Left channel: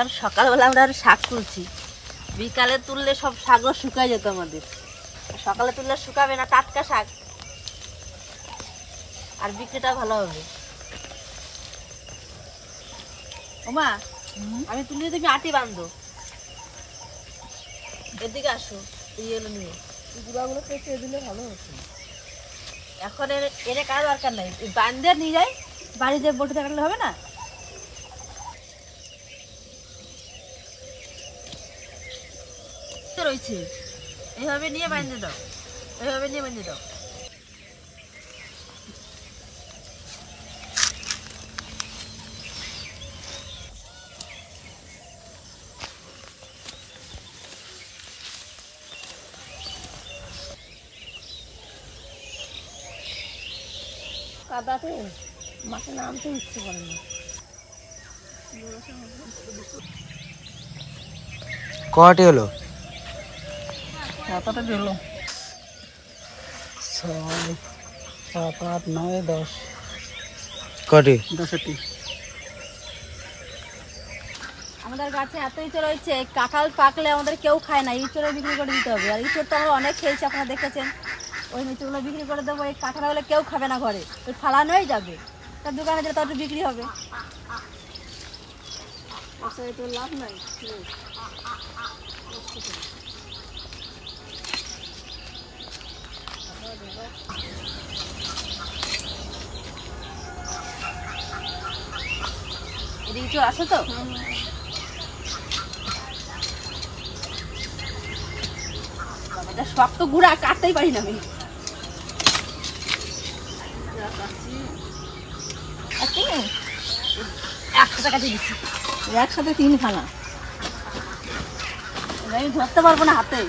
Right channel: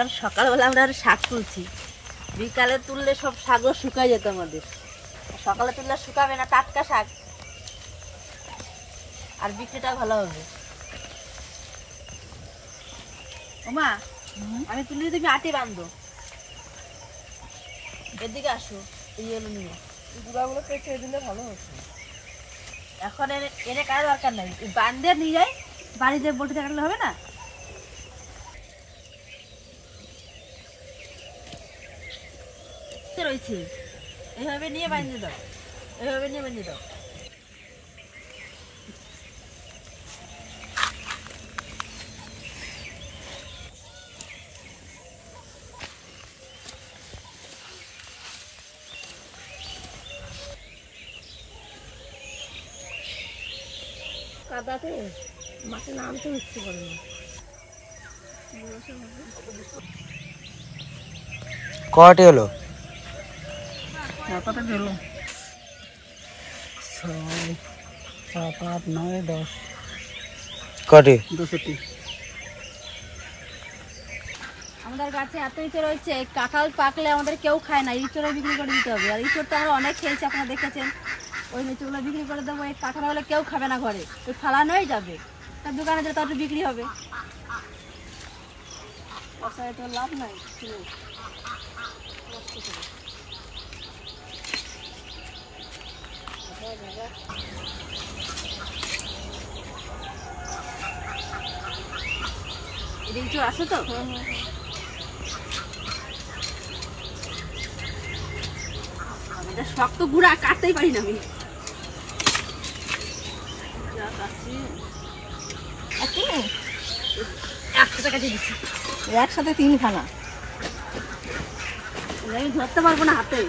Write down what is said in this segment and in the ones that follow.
আর সকালবেলা আমরা আর শাক তুলছি, বিকালে তুললে সব শাকও শুকায় যেত আমাদের। সকালে তুললে শুকাবে না, টাটকা শাক, আর বিক্রিটা ভালো হবে। ওমা, আমি তুলি, তুমি আটি বাঁধো, এদিকে আসো, এগুলো নিয়ে গুঁড়াগুলো কেটে দিলে ভালো হতো। এখন এনে কার দরকার নাই, বাঁধে নিয়ে যাই, বাড়িতে বলতে থাকলে হবে না। রয়েছে এইভাবে নিয়ে বাঁধে দাও, এইভাবে নিয়ে বাঁধে দাও। কাদাতে মাঠে নামতে উঠতে পারে না। কটি হলো? 7-8 হলো। 6, 7, 8, 9, 10 কটি? 10টি। আমাদের গাছে এত ইঁচড় রয়েছে, কাঁঠাল পাকলে আমাদের কেউ খায় না, ইঁচড়ে বিক্রি করে দিতে হবে। আর ইঁচড় তো আমরা অনেক খেয়েছি, আপনারা দেখেছেন। ওই ইঁচড়গুলো বিক্রি করে দেবো, এই কাঁঠাল হলে কেউ খাবে না ঘরে, ওই ফালানোই যাবে, তার দোকানে দিলে তার বিক্রি হবে। বসায় তো লাভ নাই, ইঁচড় আসো তো। শক্ত গুঁড়া কাটতেই পারি না আমি। 100 টাকা দিয়ে দিচ্ছি, একসাথে 3 খানা। আমি ধরতে পারবো না হাতে।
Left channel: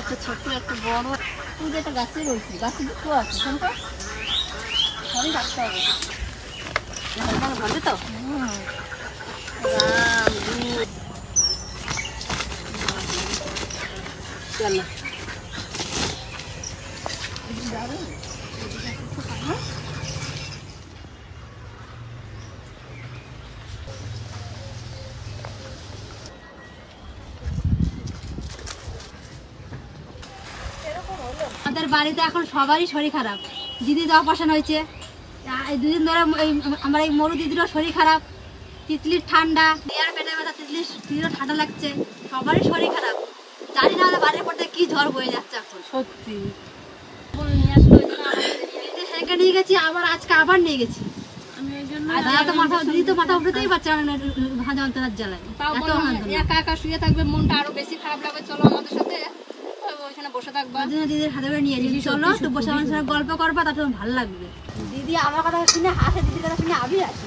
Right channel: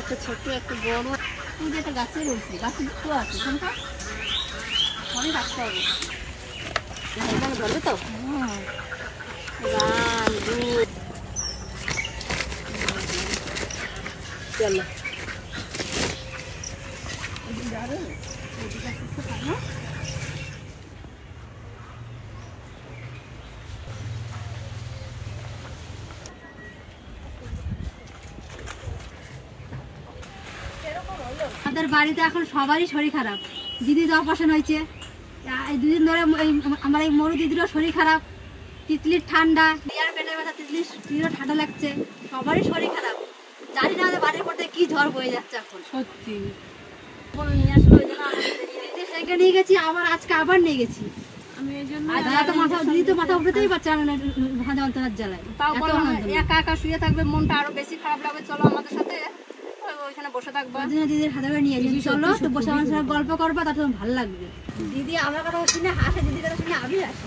একটা ছোট্ট, একটা বড়, তুই যেটা গাছে রয়েছে, গাছে দুটো আছে, কোনটা সবই কাটতে হবে। ধরবে তো? চলো আমাদের বাড়িতে এখন সবারই শরীর খারাপ। দিদির অপারেশন হয়েছে, 2 দিন ধরে আমার এই মরু দিদিরও শরীর খারাপ। তিতলির ঠান্ডা, দিয়ার পেটে ব্যথা, তিতলিরও ঠান্ডা লাগছে, সবারই শরীর খারাপ। জানি না আমাদের বাড়ির পথে কি ঝড় বয়ে যাচ্ছে এখন। সত্যি নিয়ে আসলো, নিয়ে গেছি, আবার আজকে আবার নিয়ে গেছি আমি। এই জন্য দিদি তো মাথা উঠতেই পারছে না যন্ত্রণার জ্বালায়। একা একা শুয়ে থাকবে, মনটা আরো বেশি খারাপ লাগবে। চলো আমাদের সাথে ওইখানে বসে থাকবা, দিদির হাতে করে নিয়ে যাবি। চলো তো, বসে আমার সাথে গল্প করবা, তার তোমার ভালো লাগবে। দিদি আমার কথা শুনে হাসে, দিদির কথা শুনে আমি হাসি।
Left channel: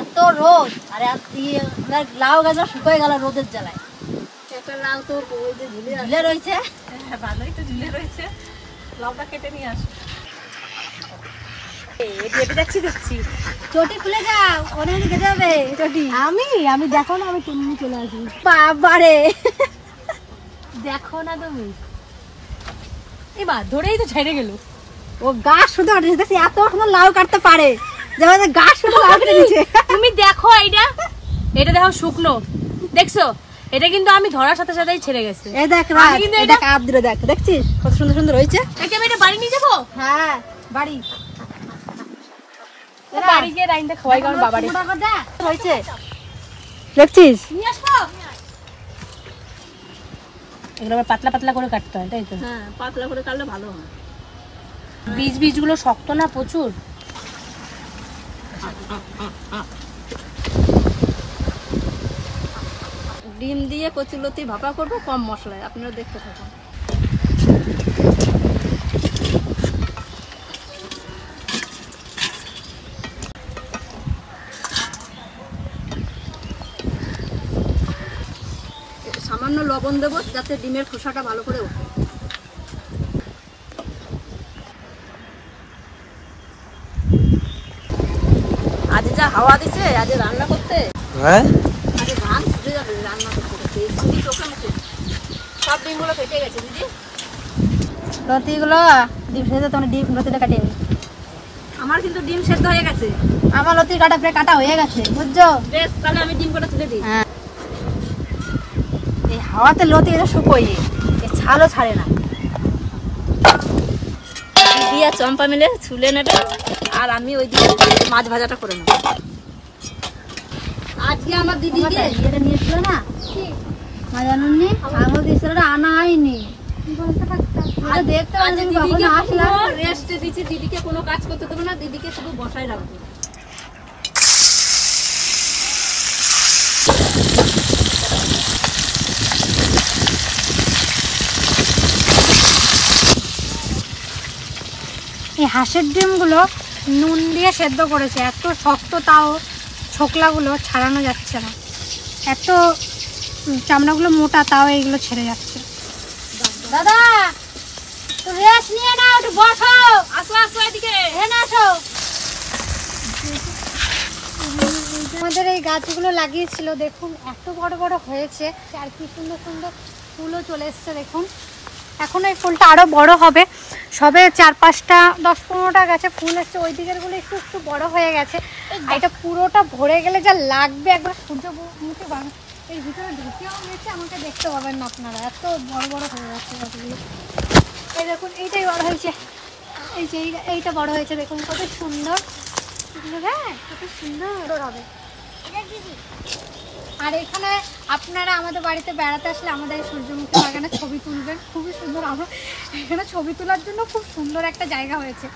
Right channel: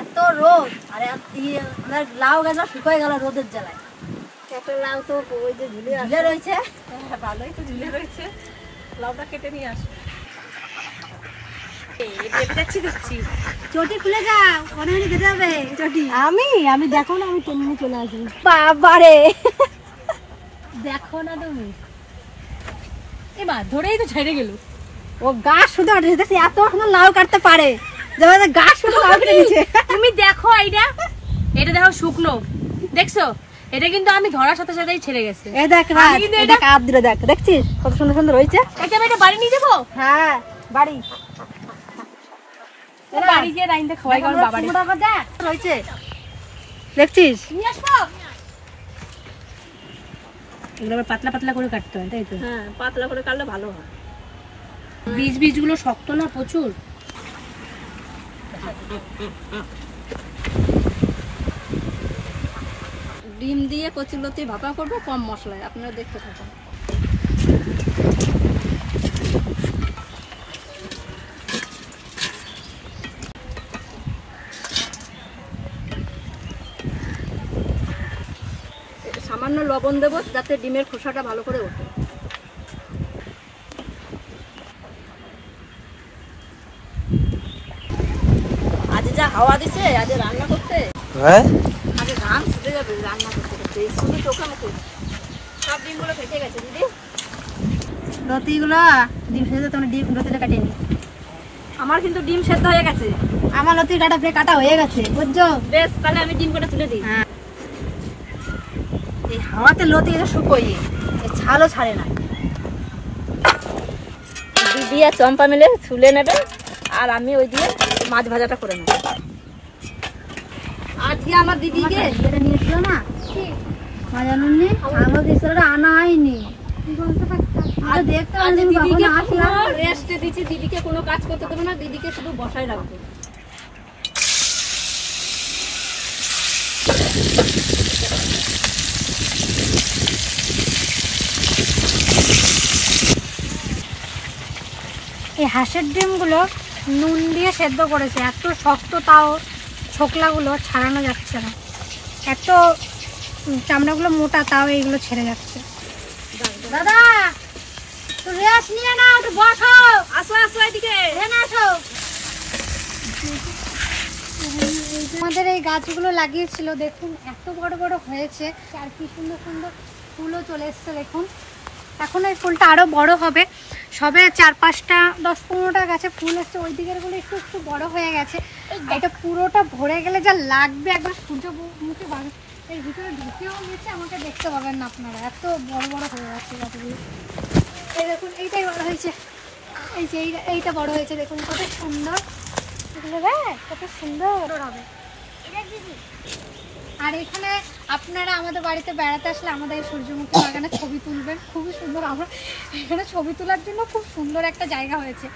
এত রোদ, আর লাউ গাছ শুকিয়ে গেল রোদের জ্বালায়। কত লাউ তো ওই যে ঝুলে রয়েছে। হ্যাঁ, ভালোই তো ঝুলে রয়েছে, লাউটা কেটে নিয়ে আসো। চটি খুলে যাও, অনেক কেটে যাবে চটি। আমি দেখো না, আমি তেমনি চলে আসি। বাবারে, দেখো না তুমি, এবার ধরেই তো ছেড়ে গেল। ও গাছ শুধু এত সুন্দর লাউ কাটতে পারে, যেমন গাছ শুধু লাউ কেটে দিচ্ছে। তুমি দেখো এটা দেখো শুকনো, দেখছো? এটা কিন্তু আমি ধরার সাথে সাথেই ছেড়ে গেছে। এই দেখ না, এটা কাপ দিলে দেখ, দেখছিস কত সুন্দর সুন্দর রয়েছে। এটা আমি এটা বাড়ি নিয়ে যাবো। হ্যাঁ, বাড়ি বাড়ি গিয়ে রাইনটা খাওয়াই কারণ বাবারে রয়েছে, দেখছিস? নিয়ে আসবো। এগুলো আবার পাতলা পাতলা করে কাটতে হয়, তাই তো? হ্যাঁ, পাতলা করে কাটলে ভালো হয়। বীজগুলো শক্ত না প্রচুর। ডিম দিয়ে কচুলতি ভাপা করবো কম মশলায়, আপনারা দেখতে থাকুন। সামান্য লবণ দেবো যাতে ডিমের খোসাটা ভালো করে ওঠে। আজ যা হাওয়া দিছে, আজ রান্না করতে আগে ঘাম ছুটে যাবে রান্না করতে করতে। দিদি চোখে মুখে সব ডিমগুলো ফেটে গেছে। দিদি লতিগুলো ডিম সেদ্ধ, তোমরা ডিম লতিটা কাটে নি। আমার কিন্তু ডিম সেদ্ধ হয়ে গেছে। আমার লতি কাটা প্রায় কাটা হয়ে গেছে, বুঝছো? বেশ, তাহলে আমি ডিম কাটা তুলে দিই। এই হাওয়াতে লতি এটা শুকোয়, এ ছালও ছাড়ে না। দিদি আর চম্পা মিলে ছুলে নেবে, আর আমি ওই দিকে মাছ ভাজাটা করে নেব। আজকে আমার দিদিকে যেটা নিয়েছিল না মাছ আনুন নি, আমার দিদিটা আনা হয়নি। রেস্টে দিচ্ছি, দিদিকে কোনো কাজ করতে দেবো না, দিদিকে শুধু বসায় রাখবো। এই হাঁসের ডিমগুলো নুন দিয়ে সেদ্ধ করেছে, এত শক্ত, তাও ছোকলাগুলো ছাড়ানো যাচ্ছে না। এত চামড়াগুলো মোটা, তাও এইগুলো ছেড়ে যাচ্ছে। দাদা তো রেস্ট নিয়ে নাও, একটু বসো। আসো আসো, এদিকে এখানে আসো। তোমাদের এই গাছগুলো লাগিয়েছিল, দেখুন এত বড় বড় হয়েছে, আর কি সুন্দর সুন্দর ফুলও চলে এসছে। দেখুন এখন এই ফুলটা আরো বড় হবে, সবে 4-5টা 10-15টা গাছে ফুল এসছে। ওই দিকের গুলো একটু একটু বড় হয়ে গেছে। এটা পুরোটা ভরে গেলে যা লাগবে, একবার সূর্যমুখী বাগান এর ভিতরে ঢুকেও গেছে, আমাকে দেখতে পাবেন না আপনারা, এত বড় বড় হয়ে যাচ্ছে গাছগুলো। এই দেখুন এইটাই বড় হয়েছে, এই যে এইটা বড় হয়েছে, দেখুন কত সুন্দর এগুলো, কত সুন্দর হবে। আর এখানে আপনারা আমাদের বাড়িতে বেড়াতে আসলে আমাদের এই সূর্যমুখী বাগানে ছবি তুলবেন, খুবই সুন্দর। আমরা এখানে ছবি তোলার জন্য খুব সুন্দর একটা জায়গা হয়েছে।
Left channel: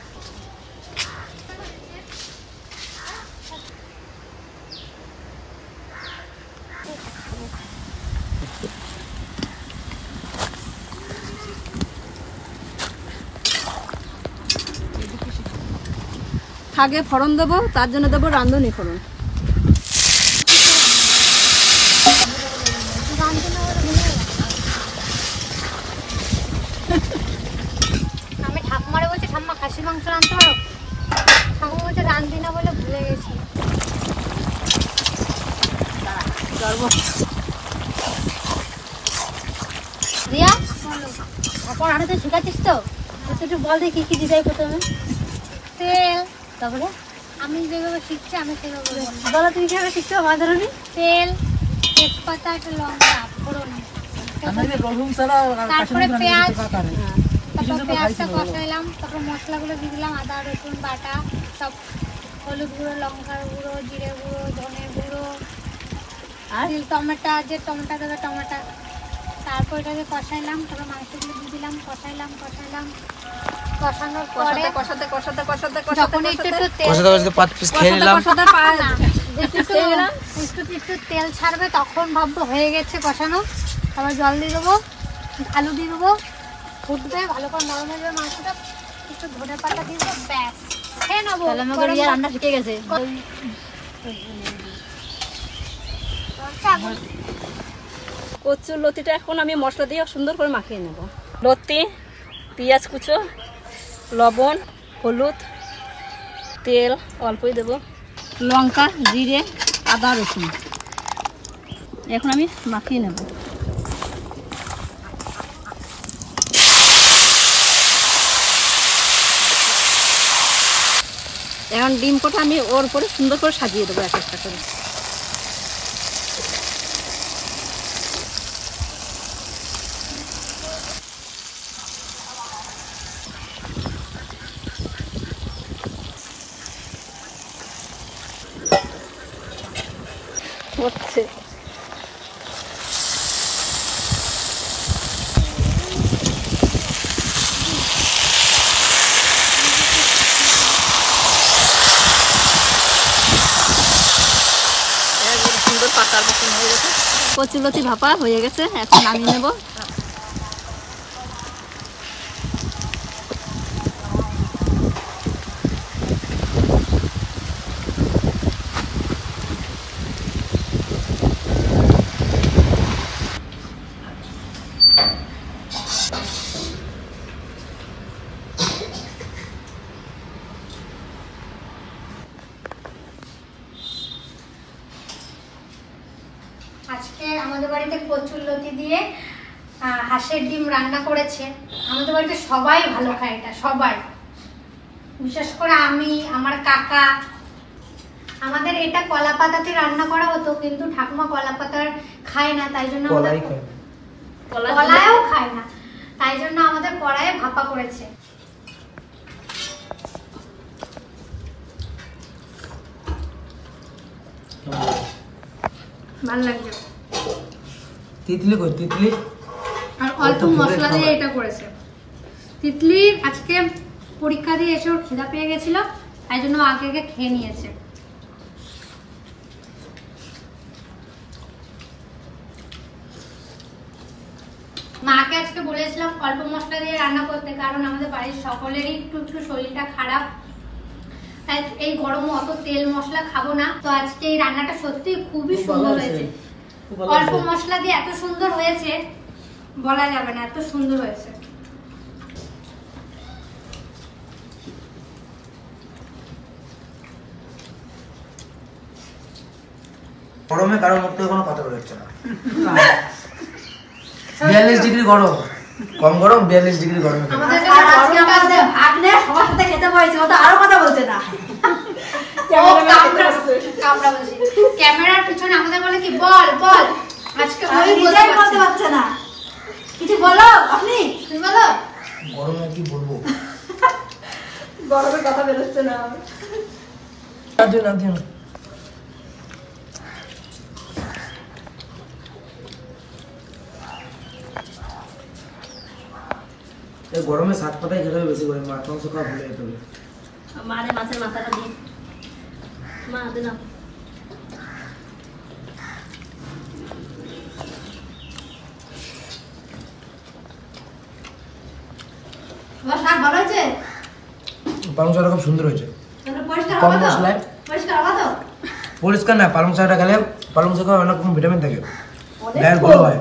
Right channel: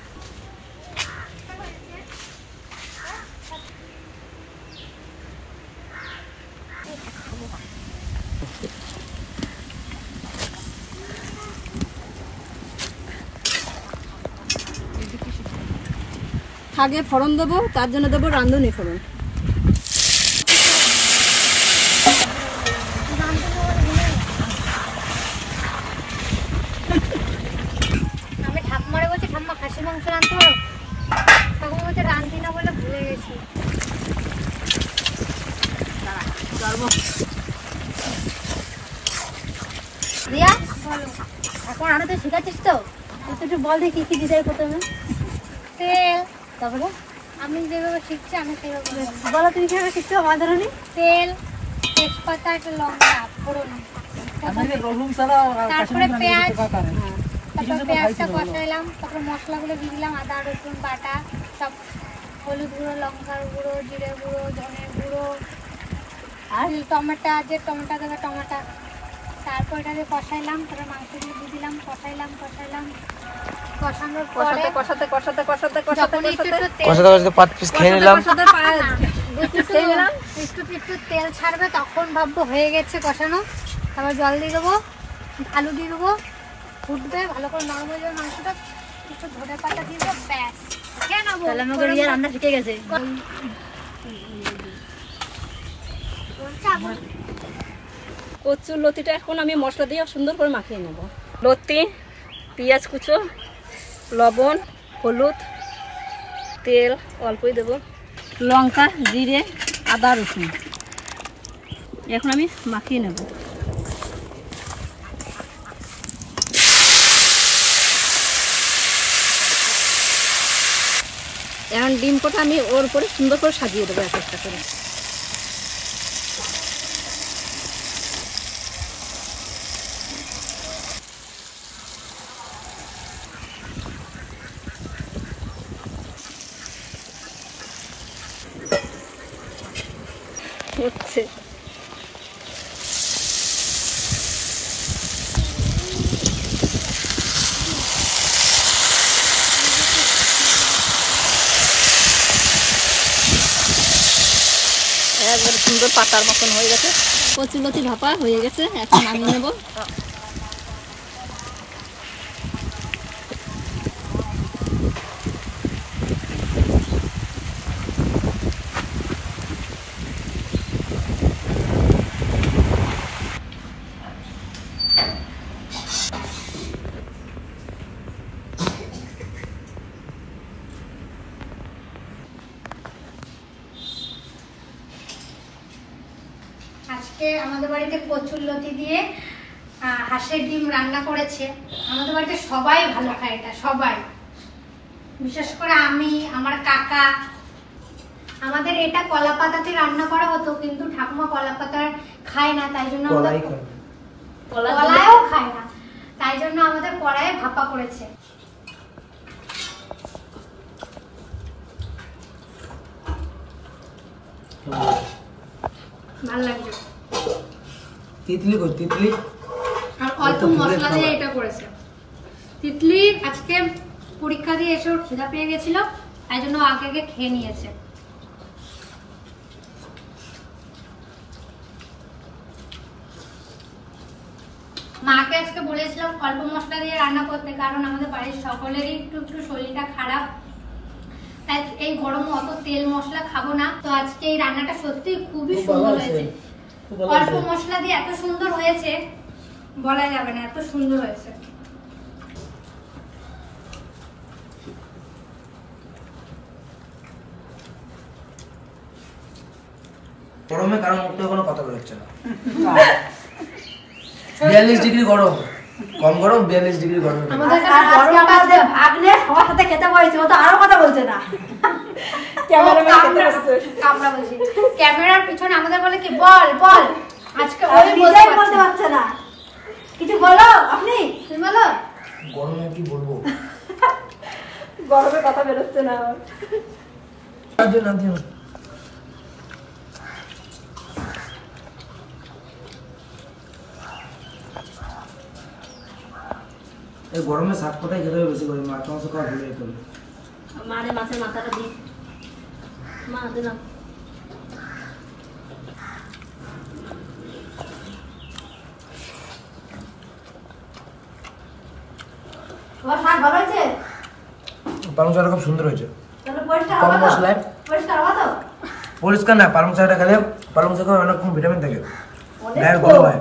আগে ফোড়ন দেবো, তার জন্য দেবো রাঁধুনি ফোড়ন। আমি ঠাকুমারে বলছি, ঠাম্মা খাসি মাংস রাঁধতে পারো? ঠাকুমা বলছে রাঁধি না বলে ভুলে গেছি। রিয়া বলো, এখন আনাতে শিখাচ্ছিস তো? একটু বল দেখি কি দিতে হয় প্রথমে। তেল, তারপরে আমি যেভাবে শিখছি আমি সেইভাবে বলো। তুমি কিভাবে শিখছো? মাছ ধরুন। তেল, তেজপাতা, একটা লঙ্কা, ফোড়ন, তারপরে পেঁয়াজ, তারপর পেঁয়াজটা কষাইলাম, তারপর মশলাগুলো দিয়ে দিলাম, আদা রসুন বাটা সব, হলুদ গুঁড়ো, লঙ্কার গুঁড়ো, জিরে গুঁড়ো, ধনে গুঁড়ো, আর টমেটো, যে টমেটো দেবে টমেটো। তারপর এটাকে কষাইলাম, তারপর মাংসগুলো দিয়ে দিলাম, কষাইলাম কষানোর পরে একটু তেল ছাড়বে, তখন ভাববো হয়ে গেছে কষানো। তারপর জল দিয়ে দেবো, আলু দিয়ে দেবো, ফুটবে ভালো করে, নরম হয়ে যাবে মাংসটা, একটু ধনে পাতা দিয়ে দেবো, ব্যাস খেয়ে নেবো। রান্না শিখে গেছে। কচুর লতিটা এখন আমি মশলা দিয়ে সুন্দর করে মাখিয়ে নেব। লতি, পেঁয়াজ কুচো, লবণ, হলুদ, তেল অল্পই দেব, লঙ্কা, জিরে, আদা রসুন, এখন আমি মাখিয়ে নেব। এখন ডিম কটা আমি ওর উপরে সুন্দর করে সাজিয়ে দেবো এক একটা করে। হচ্ছে সুন্দর পাতার মতন হয়ে গেছে, কচুলতি ভাপা হয়ে গেছে, এখন নামিয়ে নেব। আজকে আমাদের বাড়িতে কচুরলতি দিয়ে হাঁসের ডিম রান্না করেছে। আমাদের বাড়িতে সবাই ভালো খায় এটা, সবাই, বিশেষ করে আমি, আমার কাকা। আমাদের এটা কলা পাতাতে রান্না করা হতো, কিন্তু ঠাকুমা কলা পাতা খায় না, তাই জন্য কলায়ও খায় না, তাই জন্য আমাদের কড়াইয়ে ভাপা করেছে। ভালো লাগছে। তিতলি কই? তিতলি আর অল্প মশলা দিয়ে এটা করেছে। তিতলি আজকে পরীক্ষা দিয়ে এসে ওর খিদা পেয়ে গেছিল, তাই জন্য আগে আগে খেয়ে নিয়েছে। মাকে আজকে বলেছিলাম অল্প মশলা দিয়ে রান্না করতে, কারণ আমাদের বাড়ির সকলেরই একটু একটু শরীরটা খারাপ, তাই এই গরমে অত তেল মশলা খাবো না। তো আজকে এই রান্নাটা সত্যি খুবই সুন্দর হয়েছে। অল্প মশলা দিয়ে এত সুন্দর হয়েছে বলা যাবে না, এত সুন্দর হয়েছে। গরমে কারোর মুখ থেকে কোনো কথা বেরোচ্ছে না। 42 ডিগ্রি গরম, কম গরম 42 ডিগ্রি গরমে আমাদের কাছে গরমটা আগ্নে সবার সাথে খেতে পারছি, ও তো আরো কথা বলছে না। কামড়া বলছি ক্যামেরার পিছনে আমাদের বলে কি বল বল, আজকে ওই বলতে পারছে না। কিছু বলো আপনি, তুমি বলো। গরমে কি বলবো, গরমে কথা বেরোচ্ছে না। এই গরমে শাক পাতায় খেতে বেশি করে, মাছ মাংস খাওয়া ভুলে যেতে হবে। মারে মাছের মাথাটা দিই, মা হাতে না। তোমার শাক ভালো হয়েছে? পালং শাকটা খুব সুন্দর হয়েছে, পরিষ্কার কম কত? মশলায়। পরিষ্কার কত? পরিষ্কার না, পালং শাকটা খেলে পালং শাকে অনেক রকম ভিটামিন থাকে, গায়ের গ্লো হয়।